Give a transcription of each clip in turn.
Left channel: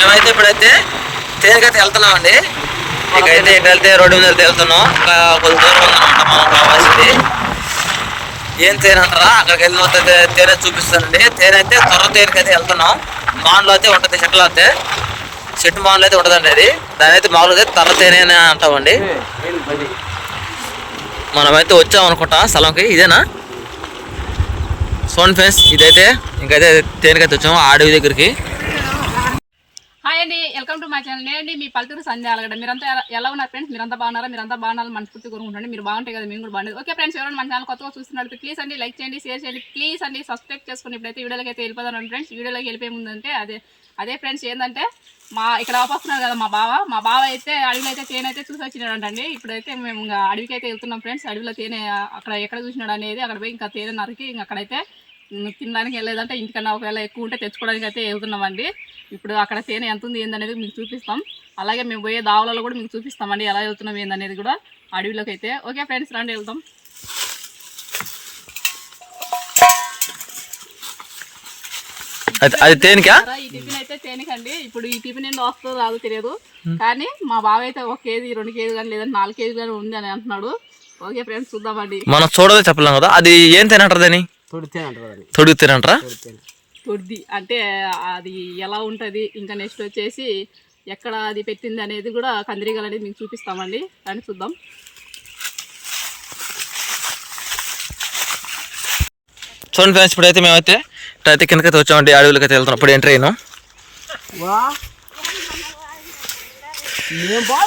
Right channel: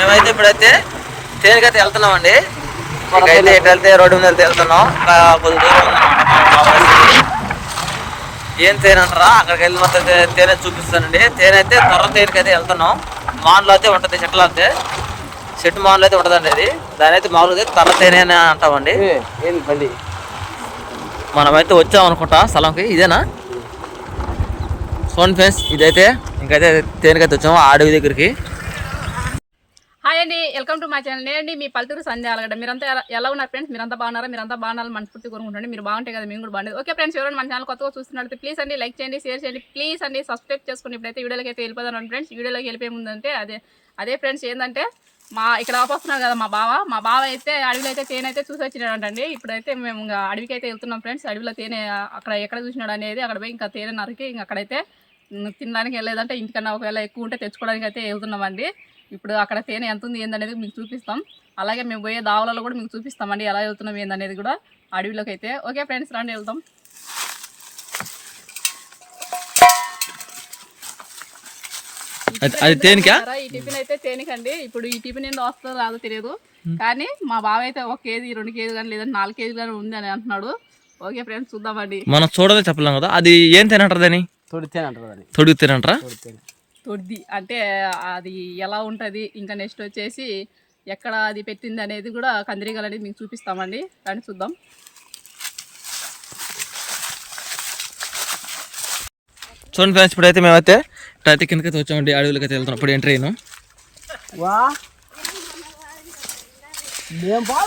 మేమైతే ఇప్పుడైతే తేనికైతే వెళ్తున్నామండి. ఇకైతే ఇటు వెళ్తే రోడ్డు మీద వెళ్తే వెళ్తున్నాం. ఇంకా కొద్ది దూరం ఉందన్నమాట మనం కావాల్సింది. ఏం తేనె అంటారా? అక్కడికి వెళ్ళిన మొత్తం తే- తేనె చూపిస్తానండి. తేనె అయితే త్వర తేనెకైతే వెళ్తున్నాం. మాన్లో అయితే ఉంటుంది చెట్లు అయితే. చెట్టు మాన్లో అయితే ఉంటుందండి అది. దాని అయితే మామూలుగా అయితే తర్ర తేనె అని అంటామండి. మనమైతే వచ్చాం అనుకుంటా స్థలంకి. ఇదేనా? సోన్ ఫెన్స్ ఇదైతే ఇంకైతే తేనెకైతే వచ్చాము అడవి దగ్గరికి. హాయ్ అండి వెల్కమ్ టు మై ఛానల్. నేనండి మీ పల్లెటూరు సంధ్య అలగడ మీరంతా ఎలా- ఎలా ఉన్నారు ఫ్రెండ్స్? మీరంతా బాగున్నారా? మీరంతా బాగున్నారు మనస్ఫూర్తి కోరుకుంటండి మీరు బాగుంటాయి కదా మేము కూడా బాగుండేది. ఓకే ఫ్రెండ్స్ ఎవరైనా మన ఛానల్ కొత్తగా చూస్తున్నట్టు ప్లీజ్ అండి లైక్ చేయండి షేర్ చేయండి. ప్లీజ్ అండి సబ్స్క్రైబ్ చేసుకుని ఇప్పుడైతే వీడియోలోకి అయితే వెళ్ళిపోతాను ఫ్రెండ్స్. వీడియోలోకి వెళ్ళిపోయే ముందంటే అదే అదే ఫ్రెండ్స్ ఏంటంటే మా ఇక్కడ ఆపొస్తున్నారు కదా మా బావ. మా బావ అయితే అడవిలో అయితే తేనె అయితే చూసి వచ్చినాడంటండి ఇప్పుడైతే మేము ఇంకా అడవికి అయితే వెళ్తున్నాం ఫ్రెండ్స్. అడవిలో తేనె అక్కడ ఎక్కడ చూసినాడు అనేది అక్కడ పోయి ఇంకా తేనె నరికి ఇంకా అక్కడైతే తినడానికి వెళ్ళలేదంటే ఇంటికన్నా ఒకవేళ ఎక్కువ ఉంటే తెచ్చుకోవడానికి అయితే వెళ్తున్నామండి. ఇప్పుడు అక్కడ తేనె ఎంత ఉంది ఏందనేది మీకు చూపిస్తాం. అలాగే మేము పోయే దావులలో కూడా మీకు చూపిస్తామండి ఎలా వెళ్తున్నాం ఏందనేది కూడా అడవిలోకి అయితే. ఓకే ఫ్రెండ్స్ రండి వెళ్తాం అది తేనికా? ఈ టిఫిన్ అయితే తేనికండి. ఇప్పుడు ఈ టిఫిన్ ఏంటో వస్తుందో రాదో తెలియదు. కానీ మా బావ అయితే ఒక కేజీ రెండు కేజీ కానీ లేదంటే నాలుగు కేజీ కానీ ఉంది అని అంటున్నాడు. ఓకే ఫ్రెండ్స్ చూద్దామండి. మనం చూడదే చెప్పలేం కదా. అది ఏం తినంటారు దాన్ని? తొడితే అంటారు అది. తొడుగు తినంటారా తొడ్డి అంటే అది ఎలా ఉంటుంది? ఇంకా నెక్స్ట్ వచ్చేసి ఎక్కడ అది పెట్టింది అనేది కూడా కందిరీగలు అనేది మీకు చూపిస్తామండి. దాన్ని చూద్దాం. చూడండి ఫ్రెండ్స్ ఇప్పుడైతే మేమైతే ఇప్పుడైతే కిందకైతే వచ్చామండి అడవులకి అయితే వెళ్తున్నాం. ఇప్పుడు ఎంటర్ అయినాం.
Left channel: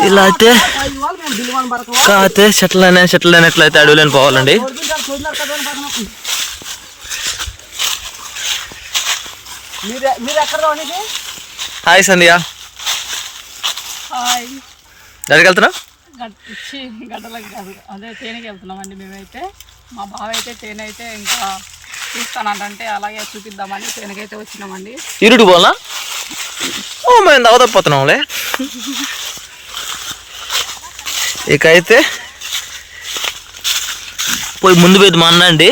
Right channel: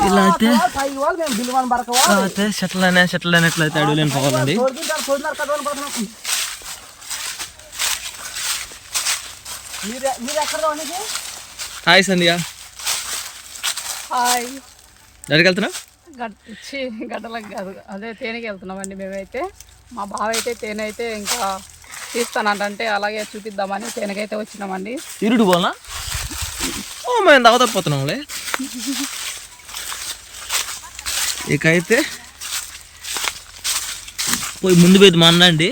ఇలా అయితే చెట్లు అయినా చెట్లు అయినట్లయితే అడవులని పోవాలండి తొడుతుంటారు తొడినారు కదా అని పక్కన మీరు మీరు ఎక్కడ రావడానికి హాయ్ సంధ్య. హాయ్. ఎక్కడికి ఛీ, గడ్డలకు కాదు. అదే తేనెకి వెళ్తున్నామండి మేమైతే. మా బావ అయితే తేనె అయితే ఇంకా చూస్తానంటే అలాగే చూపిద్దామని తేనెకైతే వచ్చినామండి. ఇరుడు పోలా ఓ మేము దవదపోతున్నాంలే ఇక అయితే పోయి ముందు పోయి మా అన్న అండి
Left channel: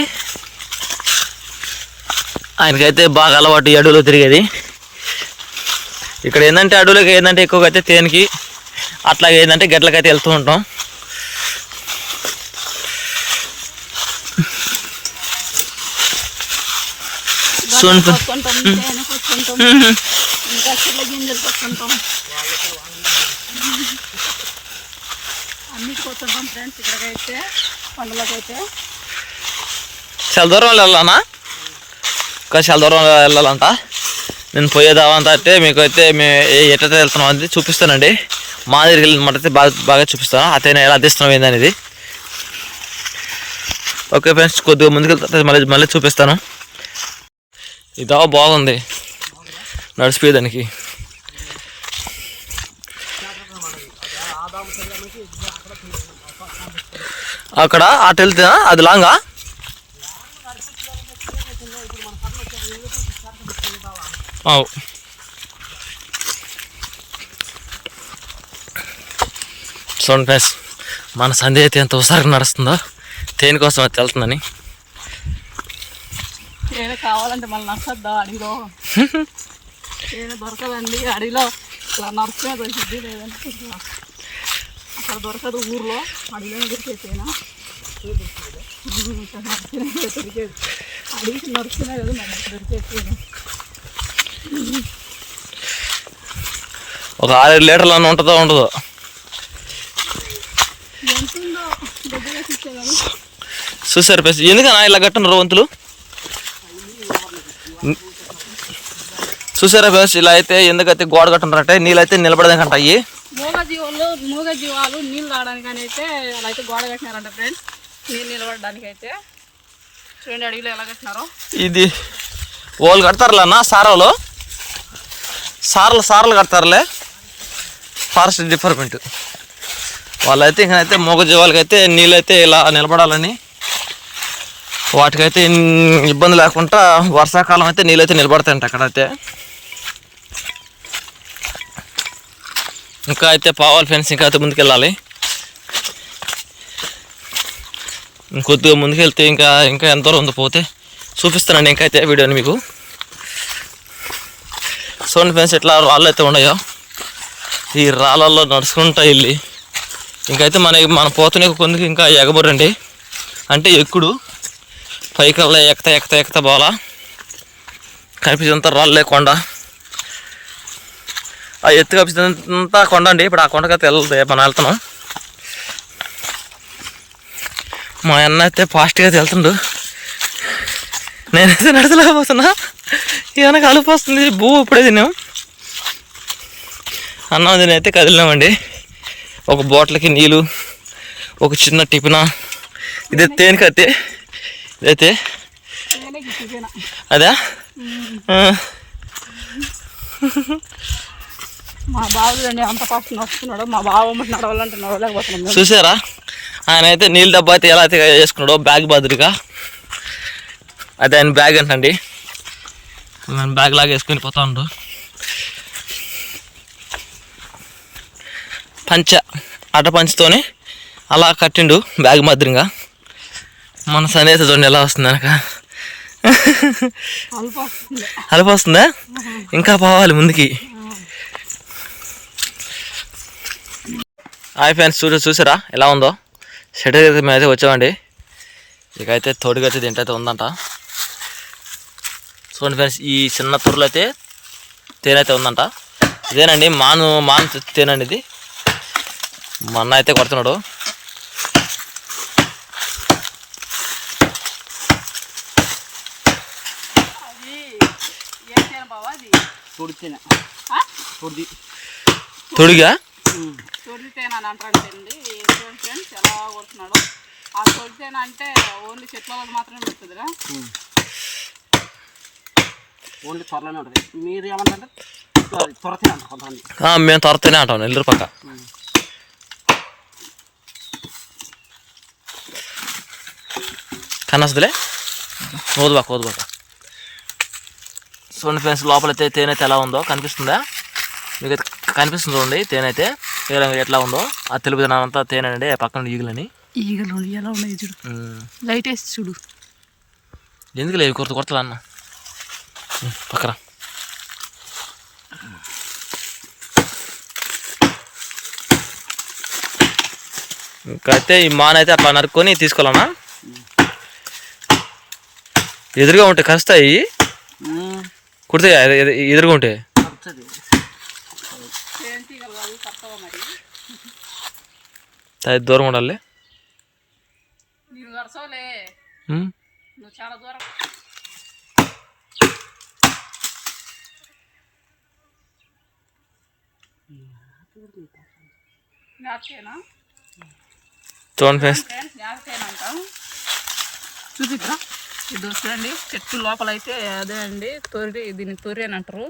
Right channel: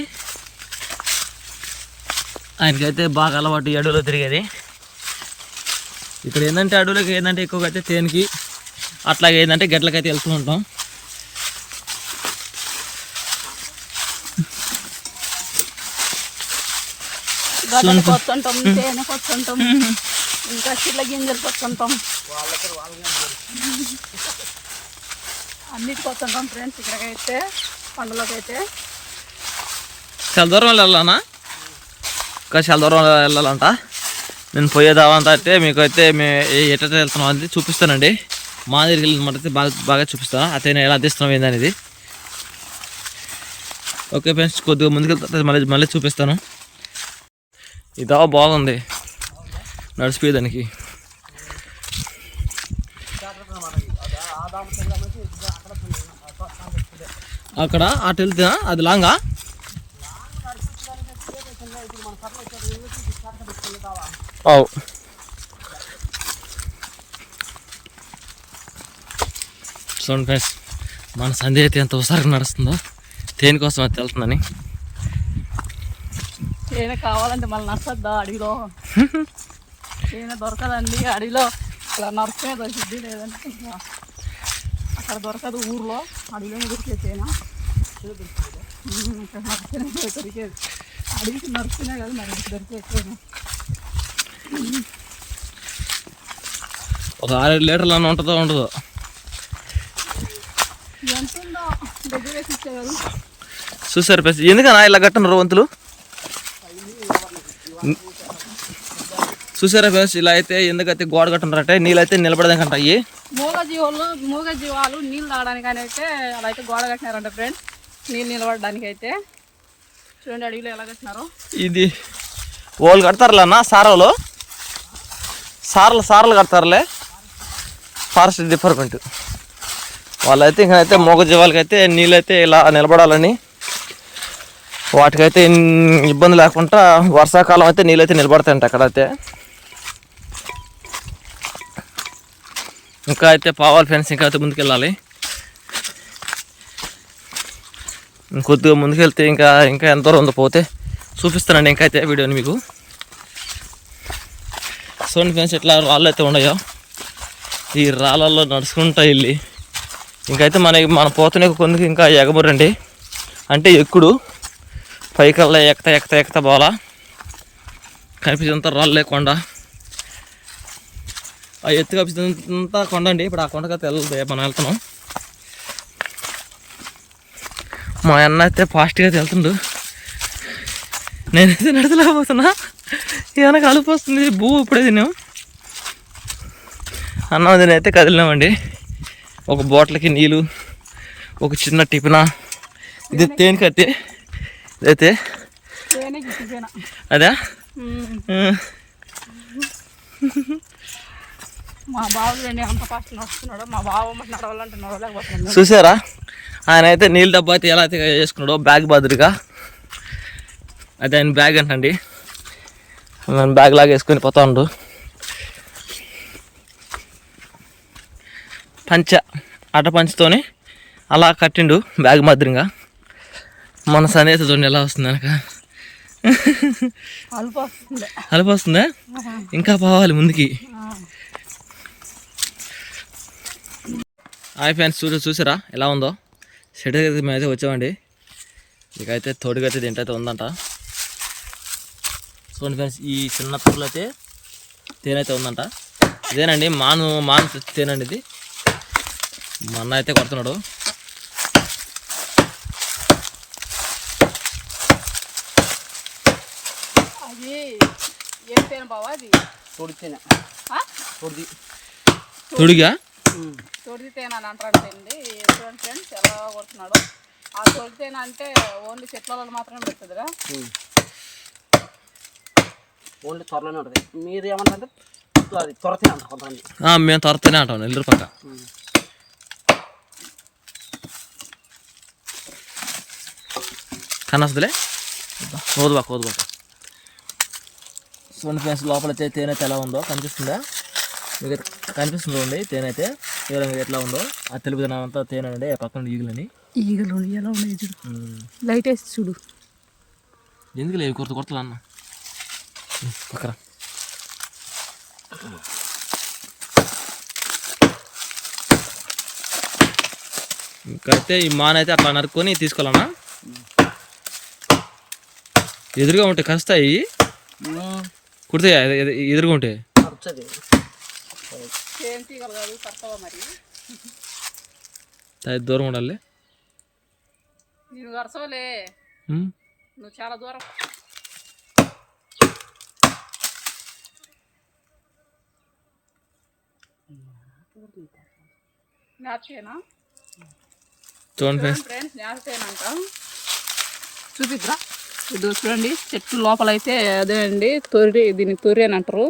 ఆయనకైతే బాగా అలవాటు అడవిలో తిరిగేది. ఇక్కడ ఏంటంటే అడవులకి ఏంటంటే ఎక్కువగా అయితే తేనికి అట్లాగే ఏంటంటే గట్లకైతే వెళ్తూ ఉంటాం. ఫ్రెండ్స్ ఇక్కడికైతే చాలా దూరం వెళ్ళాలన్నా ఇంకా చాలా దూరం వెళ్ళాలంట. నేను పోయేదావంతా అంటే మీకు అయితే మేము ఎట్లయితే వెళ్తున్నాం అనేది చూపిస్తానండి. మా దగ్గరికి వెళ్ళినమాట అయితే బాగా బాగా చూపిస్తాను. అతను ఎలా అందిస్తున్నాం ఏందనేది. ఓకే ఫ్రెండ్స్ కొద్దిగా ముందుకు వెళ్తే మళ్ళీ మళ్ళీ చూపిస్తాను. ఇదా బాగుంది. నడిచిపోయేదానికి అక్కడ అటు వెళ్తే అది లాంగా? అవు చూడండి ఫ్రెండ్స్ మన సంధి అయితే ఎంత ఉసారి నడుస్తుందో. దేనికోసం అది వెళ్తుందని. తేనె కావాలంటే మళ్ళీ నచ్చద్దా అడిగిలో తేనె దొరకదండి అడిగిలో. ఇలా నరసమే దొరికిద్ది లేదంటే అక్కడ దొరకదు ఊర్లో. అడిగిలో దొరికే తేనె. దొరికేది. అడిగి నరసనే కదా మరి దొరికే తేనె. ఒక ఆరేడు లీటర్లు అన్న ఉంటుందో ఉండదో. చూసారు ఫ్రెండ్స్ ఎందుకన్నా ఇలా కట్టున్నారు వంతులు? చూసారా ఫ్రెండ్స్ ఇలా అయితే ఎందుకైతే గోడ కట్టున్నారంటే నీళ్ళు అయితే నిలబడదాకంట అయ్యి? మూగ జీవాలు మూగ జీవాలు నీళ్ళు తాగడానికి అయితే అలా అయితే గోడ కట్టినారంట ఫ్రెండ్స్ నీళ్ళు నిలబడడానికి అయితే చూడండి అడవిలో ఎలా కట్టినారో. ఇది వాళ్ళు కడతారులే అన్న సారవలు సార్లు సార్లు కడతారులే. Forest department. వాళ్ళైతే ఇంకనైతే మూగజీవాలకైతే నీళ్ళైతే ఇలా నిలబడాలని. వాటికైతే ఇబ్బంది లేకుండా వర్షాకాలం అయితే నీళ్ళైతే నిలబడతాయంట అక్కడైతే. ఇంకా అయితే పావాలి ఫ్రెండ్స్ ఇంకా అయితే ముందుకెళ్ళాలి. ఇంకొద్దిగా ముందుకెళ్తే ఇంకా ఇంకా ఎంత దూరం ఉందో పోతే చూపిస్తానండి ఇంకైతే అయితే వీడియోని మీకు. చూడండి ఫ్రెండ్స్ ఎట్లా రాళ్ళు అయితే ఉన్నాయో ఈ రాళ్ళల్లో నడుచుకుంటా వెళ్ళి. ఇంకైతే మనకి మన పోతనే కొందుకు ఇంకా ఎగబడండి. అంటే ఎక్కుడు పైకల్లా ఎక్త ఎక్కతా ఎక్త పోవాలా కనిపించేంత రాళ్ళే కొండ ఆ ఎత్తు కనిపించేంత కొండ అండి. ఇప్పుడు ఆ కొండకైతే వెళ్ళదు మనం వెళ్తున్నాం. మా అన్న అయితే ఫాస్ట్గా అయితే వెళ్తుండు. నేనైతే నడచలేకపోతున్నా ఏమైనా కలుపు వస్తుంది. భూ ఇప్పుడే తిన్నాం. అన్నం తిని అయితే కదిలినామండి. ఒక బాటిల్కి నీళ్ళు ఒక చిన్న టిఫిన. ఇది తేనికైతే ఇదైతే. తేనె అదే? మా అంత నడుస్తున్నాడు నడవాలంటే నడవలేకపోతున్నాడు చూసారా? ఆయన అయితే నీళ్ళ డబ్బా అయితే ఎలా అయితే చేసుకున్నాడో బ్యాగ్ బదులుగా. అదే ఆయన బ్యాగ్ అంటండి. నేను బ్యాగ్ లాగా వేసుకొని పోతాండు. పంచ అట పంచతోని అలా కట్టిండు బ్యాగ్ మాదిరిగా. మన సనేత చూడండి ఎలా వస్తుంది అనక? అలుపు వస్తుందా? ఇంకా పోవాలి ముందుకి. హాయ్ ఫ్రెండ్స్ చూసి చూసారా? ఎలా ఉందో? షెడ్ అయితే మేమైతే వచ్చామండి. ఇకైతే తోడుగైతే దీంట్లో ఉందంట. చూడండి ఫ్రెండ్స్ ఈ చిన్న తూరులో అయితే తేనె అయితే ఉందంట. ఇదేనండి మాను మాను తేనండి ఇది. మా అన్న అయితే కొడుతున్నాడు. తొడిగా? అంటాడు ఫ్రెండ్స్ ఎలా కొడుతున్నాడు. ఆ అంటే ఓన్లీ చెట్ల వాళ్ళు మాత్రమే పెడుతుందిరా? ఓన్లీ త్వరలోనే ఉంటుంది. మీరు ఏమంటారంటే అది త్వరతే అంటారు కొంతమంది మేము తొరతేనే అంటాం నెల్లూరు పక్క. కనసదులే? ఓదుబాక ఓదుబాక చూడండి ఫ్రెండ్స్ లోపలైతే తేనె అయితే ఎలా ఉందో కనిపిస్తుందా? మీకు అయితే కనిపిస్తుంది చూడండి తేనె అయితే ఏ రంగు ఎట్లా ఉందో. ఆ తెలుపు అంతా తేనె అండి ఆ పక్కన ఈగలని. ఈగలు ఎలా ఉన్నాయి చూడు. లైట్ వేసి చూడు. ఎందుకు లేవు కొరత కొరతలు అన్న? ఉమ్, పక్కన. ఇంకైతే ఈ మాన అయితే అట్లా నరుక్కొని తీసుకోవాలన్నా ఎదురుగా ఉంటే కరుస్తాయి? కుడితే ఎదురుగా ఉంటే? ఖర్చది ఏం తీగలు కాదు కరెక్ట్గా మరి? అది దూరం ఉండాలి. చాలా దూరం. నాకేనా చూడండి ఫ్రెండ్స్ చూపిద్దా? ఇది చూడండి చెట్టు లోపల అయితే అదే అండి తొరి దీన్ని తొరి అని అంటారు.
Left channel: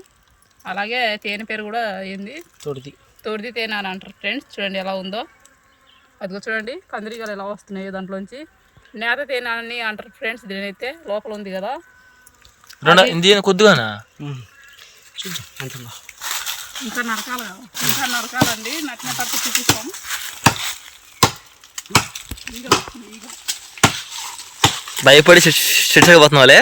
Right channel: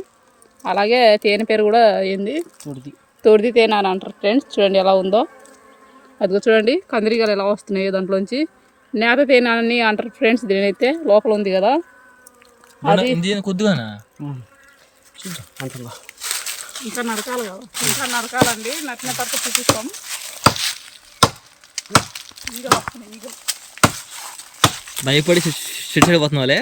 అలాగే తేనె పేరు కూడా ఏంది? తొడిది. తొడిది తేనె అని అంటారు ఫ్రెండ్స్ చూడండి ఎలా ఉందో. అదిగో చూడండి కందిరీగలు ఎలా వస్తున్నాయో దాంట్లోంచి. నేత తేనె అని అంటారు ఫ్రెండ్స్ దీనైతే లోపల ఉంది కదా. కొద్దిగానా? చూద్దాం ఇంకా నరకాలి ఇంకా నరకాలండి నచ్చిన పట్టు చూపిస్తాం. భయపడి చిచ్చగా పోతున్నావులే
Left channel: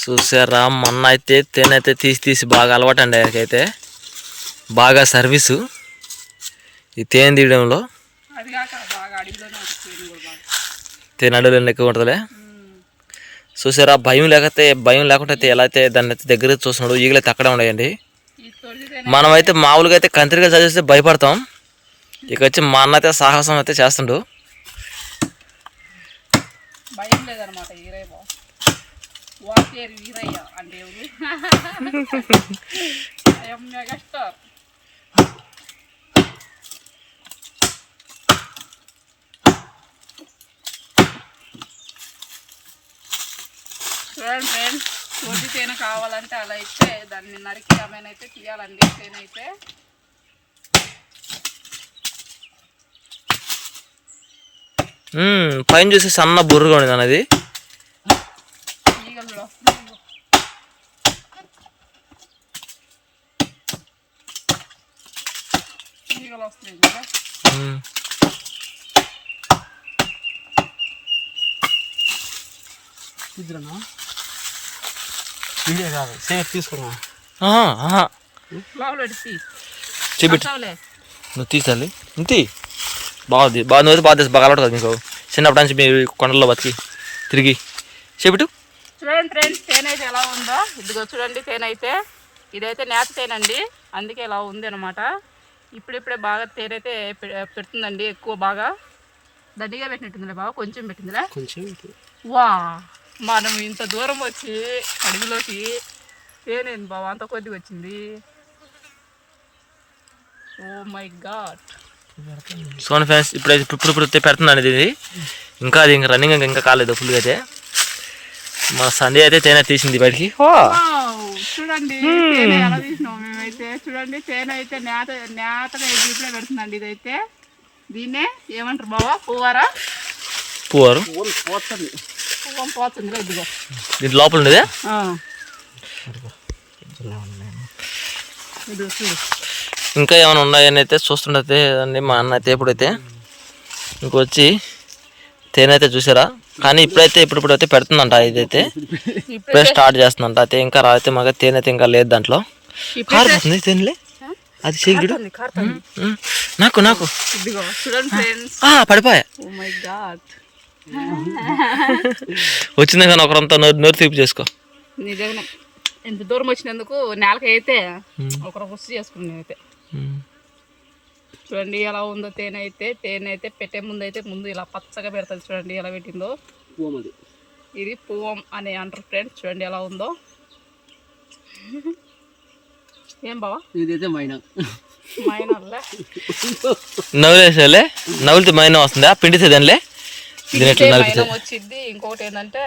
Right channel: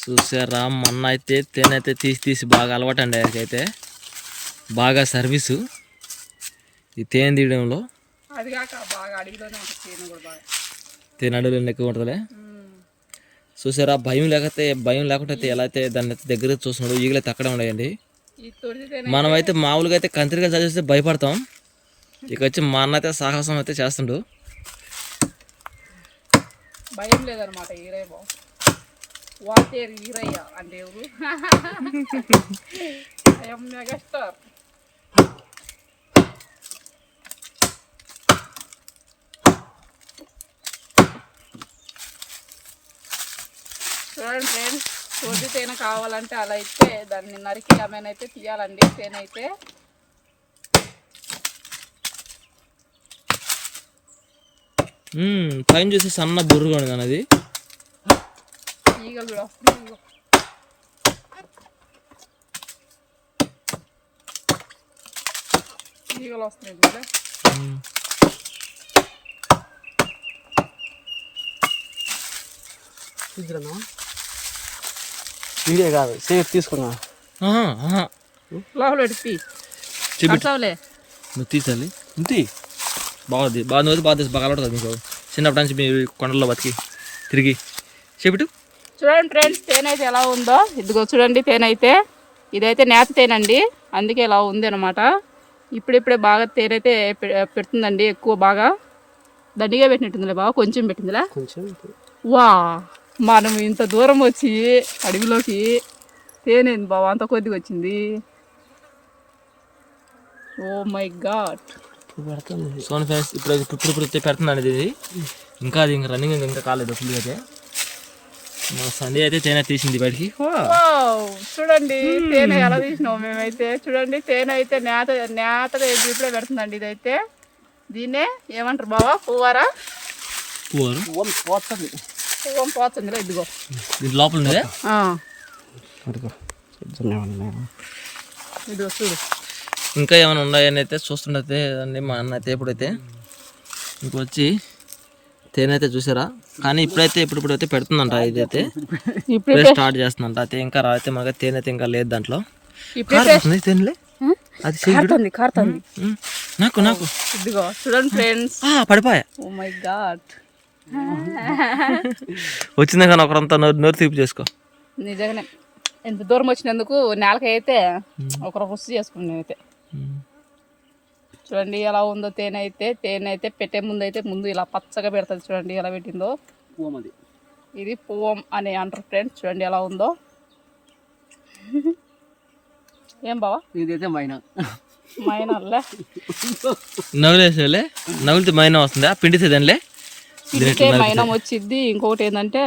చూసారా మొన్న అయితే తేనె అయితే తీసి తీసి బాగా అలవాటు అండి ఆయనకైతే. బాగా సర్వీసు. ఈ తేనె తీయడంలో. తేనె అడవులు ఎక్కువ ఉంటుందిలే. చూసారా? భయం లేకపోతే భయం లేకుండా అయితే ఎలా అయితే దాన్ని అయితే దగ్గర చూస్తున్నాడు ఈగలైతే అక్కడే ఉన్నాయండి. మనమైతే మామూలుగా అయితే కంత్రిగా చదివిస్తే భయపడతాం. ఇక వచ్చి మా అన్న అయితే సాహసం అయితే చేస్తుండు. భయం లేదనమాట ఈరయ్య అంటే ఎవరు మెగాస్టార్. చూడండి ఫ్రెండ్స్ తొడి తేనె కావాలంటే అలా అయితే దాన్ని నరికి ఆమెనైతే తీయాలండి తేనె అయితే పైన చూసి సన్న బుర్రగా ఉంది అనేది ఈగలు కూడా వస్తున్నాయి. ఈగలు మ్మ్. వీడియో కాదు సేఫ్ తీసుకున్నా చూపెట్టు. నువ్వు తీసాలి ఇంతి బాగుంది బాగా నువ్వు అయితే బాగా తీసి బాగా అలవాటు కదా మీకు చిన్నప్పటి నుంచి మీరు కొండల్లో బతికి తిరిగి. చెబిటు చూడండి ఫ్రెండ్స్ తేనె అయితే ఎలా ఉందో. ఇదిగో చూడండి తేనె అయితే. ఇదైతే నేత తేనె అండి అందుకే ఇలా ఉంది అనమాట ఇప్పుడిప్పుడే బాగా తేనె అయితే పె- పెడుతుందండి ఎక్కువ బాగా. దండిగా పెట్టినట్టుందిలే బాగా కొంచెం పెట్టిందిలే. కొంచెం వా. మనం ఇంత దూరం వచ్చి అడవిలోకి తేనె బావ అంత కొద్దిగా వచ్చింది. ఓ మై గాడ్ సోన్ ఫ్రెండ్స్ ఇప్పుడైతే ఇప్పుడు ఇప్పుడు అయితే పెడుతుందండి ఇది. ఇంకా అది ఇంకా రన్నింగ్ ఇంకా కాలేదు ఫుల్గా అయితే. మా సండే అయితే తేనె తీసింది బయటికి. ఓ చూడండి తేనె ఎలా తీసినాం మేమైతే. చూడండి తేనె అయితే నేత నేతగా జీపులో పెడుతుందండి ఇదైతే. దీన్నే ఏమంటారు బావా? పువ్వారా? పువ్వారు. పోతుంది ఇదిగో. దీని లోపల ఉండేదే ఇదిగో. చూడు. ఇంకా ఏమైనా ఉన్నాయని అయితే చూస్తుండతే అండి మా అన్న అయితే ఎప్పుడైతే ఇంకొచ్చి తేనె అయితే చూసారా? కానీ ఇప్పుడైతే ఇప్పుడు ఇప్పుడు అయితే పెడుతుందంట ఇదైతే. ఇప్పుడు స్టార్ట్ చేస్తుందంట. అయితే ఇంకా రాయితే మాకు తేనె అయితే ఇంకా లేదు దాంట్లో. కారుతుంది తేనెలే? అది నాకు నాకు. పడిపోయా. గాడ్ వచ్చింది కానీ ఒకరంతా నోరు నోరు తీపి చేసుకో. నిజంగా ఎంత దూరం వచ్చినందుకు నేలకి అయితే ఒకరు పుస్తు చేసుకున్నాను అయితే. చూడండి ఎలా ఉందో తేనె అయితే తేనె అయితే పెట్టే ముందు అయితే ముందు ఇలా పచ్చగా పెడుతుంది చూడండి ఎలా పెట్టిందో. పోమది ఇది పువ్వం అని అంటారు ఫ్రెండ్స్ చూడండి ఎలా ఉందో. ఏం బావా? ఇదైతే మైనా. మైనర్లే నవ్వులేసేలే నవ్వులితే మైనా వస్తుందా? పిండితే దానిలే దీని ఎట్లా నలిపితే మైనం వచ్చింది ఇంకొకటి ఏంటంటే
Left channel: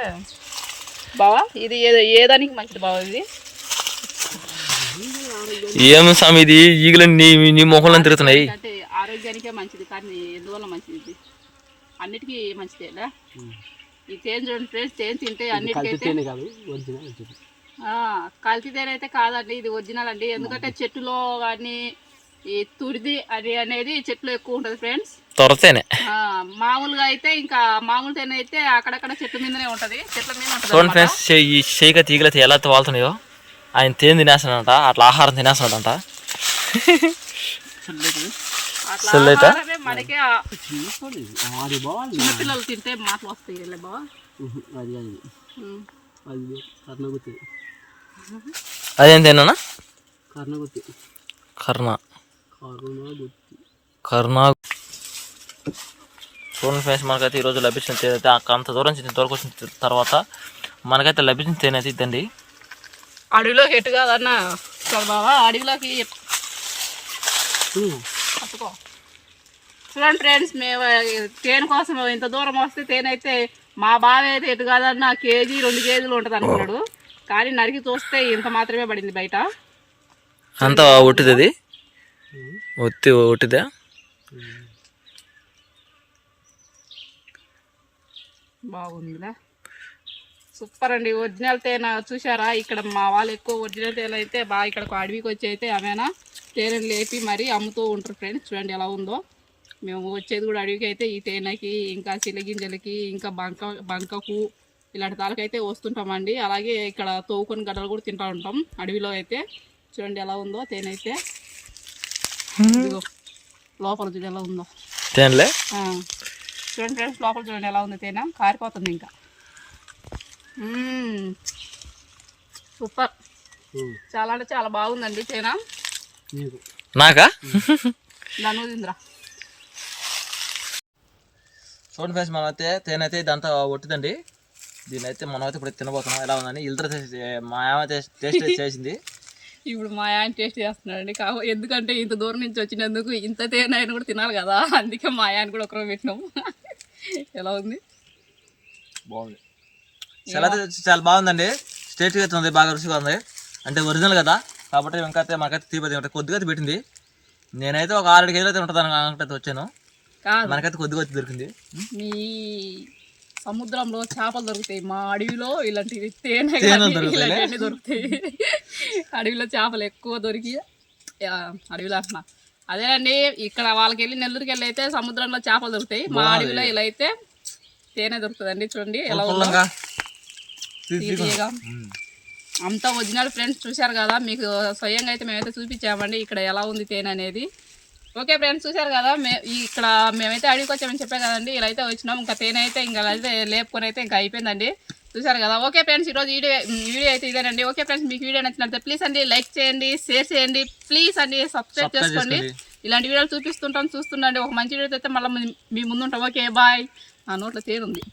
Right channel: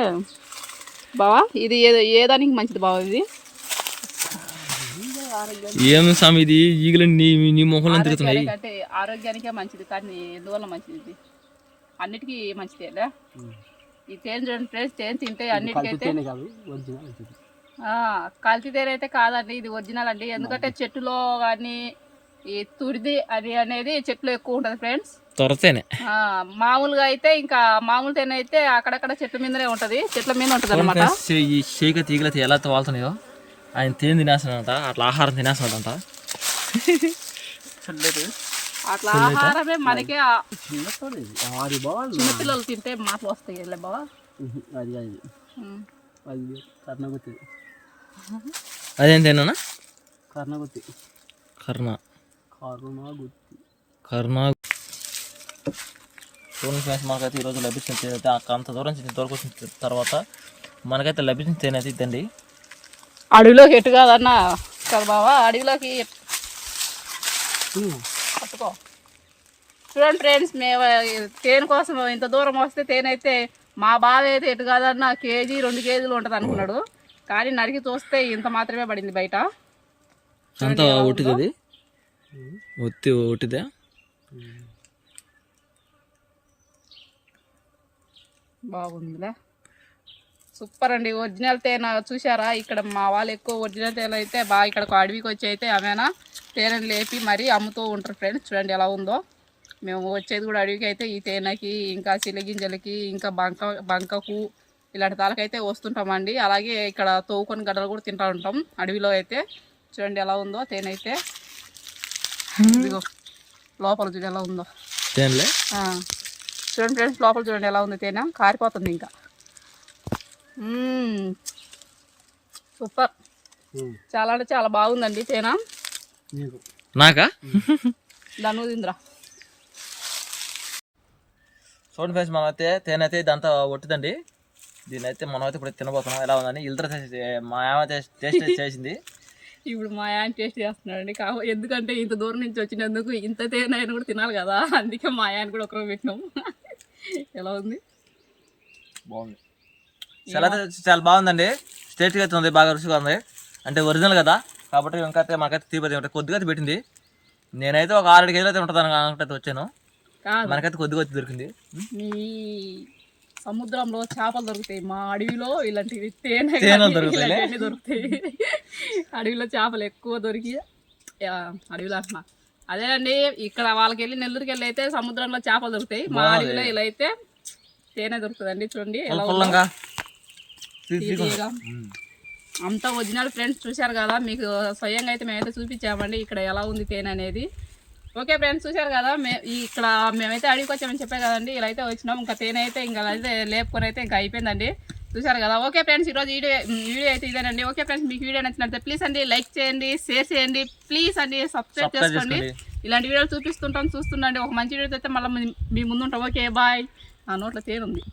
బావా ఇది ఏ ఏ దానికి మంచిది బావా ఇది? ఏం స్వామి ఇది? ఈగలు నీ నీ మొహంలో తిరుగుతున్నాయి. అంటే ఆరోగ్యానికే మంచిది కానీ ఎందువల్ల మంచిది ఇది? అన్నిటికీ మంచిదేలే ఈ తేనె చూడండి ఫ్రెండ్స్ తేనె తింటే అన్నిటికైతే కలిపితేనే కాదు ఒరిజినల్ ఇది. ఆ, కల్తీ తేనె అయితే కాదండి ఇది ఒరిజినల్ అండి. ఎందుకంటే చెట్టులో కానీ ఈ తురిది అది అనేది చెట్లు ఎక్కువ ఉంటుంది ఫ్రెండ్స్. తొరతేనే. మామూలుగా అయితే ఇంకా మామూలు తేనె అయితే అక్కడక్కడ చెట్ల మీదనే ఉంటది. చెట్ల మీద ఉంటుంది ఫ్రెండ్స్ ఈ షేక తీగలైతే ఎలా వాళ్తున్నాయో ఆయన తేనె తినేస్తున్నాడంట అట్లా ఆహారం? ఆహారమే మనకి పిల్లలు తింటే మాటలు వస్తాయి బావా. అది. అది. కర్ణగుత్తి. అదేం తేనా కర్ణగుత్తి. కర్ణ. కరుణగుత్తి. కర్ణ చూడండి ఫ్రెండ్స్ మనకైతే ఈరోజు లభించిన తేనె అయితే అంత దూరం నుంచి దూరకు వచ్చిన తర్వాత మనకైతే లభించిన తేనె అయితే ఇద్దండి అడవిలోకి ఎటు కాదన్నా? కదా బావా అడవిలోకి చూడండి ఫ్రెండ్స్ మేము తేనె కోసం ఇంత దూరం వస్తే తేనె అయితే మా బావ అయితే ఎటు కాదన్నా కేజీ రెండు కేజీలు ఉంటుంది అనుకున్నాడు. కానీ నరికి చూస్తే ఇంత మాత్రమే పడింది బయట. అంత ఒట్టిది ఒత్తి ఒట్టిదా? బాగుందిలే. సూపర్ అండి. ఒరిజినల్ తేనె చూసారా ఇక్కడ మా వాళ్ళు ఎక్కువ ఒరిజినల్ తేనె అయితే బాగా ఇక్కడ అడవికి వచ్చి అయితే ఆమెనా తేనెను లేపి మరీ అమ్ముతూ ఉంటారు ఫ్రెండ్స్ చూడండి ఎలా ఉందో. మేము వచ్చేది కూడా అడవికి అయితే ఈ తేనెకి ఇంకా చిలగింజలకి ఇంకా బంక బంకకు ఇలాంటి తాలకైతే వస్తుంటామండి. అలాగే ఇక్కడ తోవుకొని గడ్డలు కూడా తింటూ ఉంటాం అడవిలో అయితే. చూడండి ఎలా ఉందో తేనె అయితే. ఇదిగో, లోపల చూడు ఎలా ఉందో. తేనెలే. చూడండి ఫ్రెండ్స్ లోపల చూడండి ఎలా ఉంది తేనె. కారిపోతుంది ఇంకా. సూపర్. చాలా అంటే చాలా బాగుందండి తేనె. నీకు. తిందిరా చూడండి ఫ్రెండ్స్ మనం అయితే తేనె అయితే ఇదంతా ఒట్టిదండి. దీని అయితే మనం అయితే ఇప్పుడు తినబోతున్నాం. ఎలా ఉందని ఇల్తర మా ఏమైతే టేస్ట్ చేసింది. ఇప్పుడు మా ఆయన టేస్ట్ చేస్తున్నాడండి. కావు ఎందుకంటే ఇంత దూరం నుంచి వచ్చినందుకు ఇంత తేనె అయినా కూడా తినాలి కదా. అందుకే మా ఆయన కూడా ఒకరు పెట్టినాం. ఎలా ఉంది? బాగుంది. చాలా అయితే చాలా బాగుందండి. స్టేట్గా అయితే ఉంది బాగా రుచిగా ఉంది. అంటే ఒరిజినల్ కదా. కాబట్టి ఇంకా అయితే మాకైతే తీపతి ఉంటుంది కొద్దిగా అయితే పెట్టింది. నేనైతే ఒక ఆరు కేజీలు అయితే ఉంటుంది అనుకుంటే వచ్చాను. కాదు. మనకైతే కొద్దిగా అయితే దొరికింది. మీ సముద్రంలో చేపలు దొరుకుతాయి. మా అడవిలో ఇలాంటివి తేనె? ఇలాంటివన్నీ దొరుకుతాయి. అడవిలో చేపలు ఎక్కువ దొరికి అడవిలో అంటున్నా. అదేనండి ఇక్కడ వాళ్ళకి వెళ్ళి నెల్లూరుకి వెళ్ళి అయితే సముద్రంలో చేపలు దొరుకుతాయి. మా అడవిలో ఇలా అయితే తేనె దొరుకుతుందండి చూడండి ఎలా ఉందో. అంతా ఒరిజినల్ ఫ్రెండ్స్ చూశారు కదా మీకు స్వయంగా అయితే మేమైతే చూపించామండి ఇక్కడ ఎలా ఉంది తేనె అనేది. ఓకే ఫ్రెండ్స్ చూశారు కదా మే ఇక్కడ మేమైతే అడిగి వచ్చామని చెప్పే కదండి ఇలా అయితే వచ్చినాం. ఇంకా తేనె అయితే ఇంకా అయితే లేపుకొని అయితే ఇంకా అయిపోయిందండి. చూశారు కదా? ఓకే ఫ్రెండ్స్ ఈరోజు వీడియో వీడియో అయితే ఇదేనండి. ఓకే ఫ్రెండ్స్ మీకు వీడియో నచ్చినట్లయితే ప్లీజ్ అండి లైక్ చేయండి షేర్ చేయండి ప్లీజ్ అండి సబ్స్క్రైబ్ చేసుకోండి. ఇలాంటి వీడియోలు చూపిస్తుంటాం చూస్తుండండి. ఒక మంచి వీడియో అయితే మళ్ళీ మీ ముందు ఉంటాం ఓకే బాయ్ నా నోట్లో తేనుంది.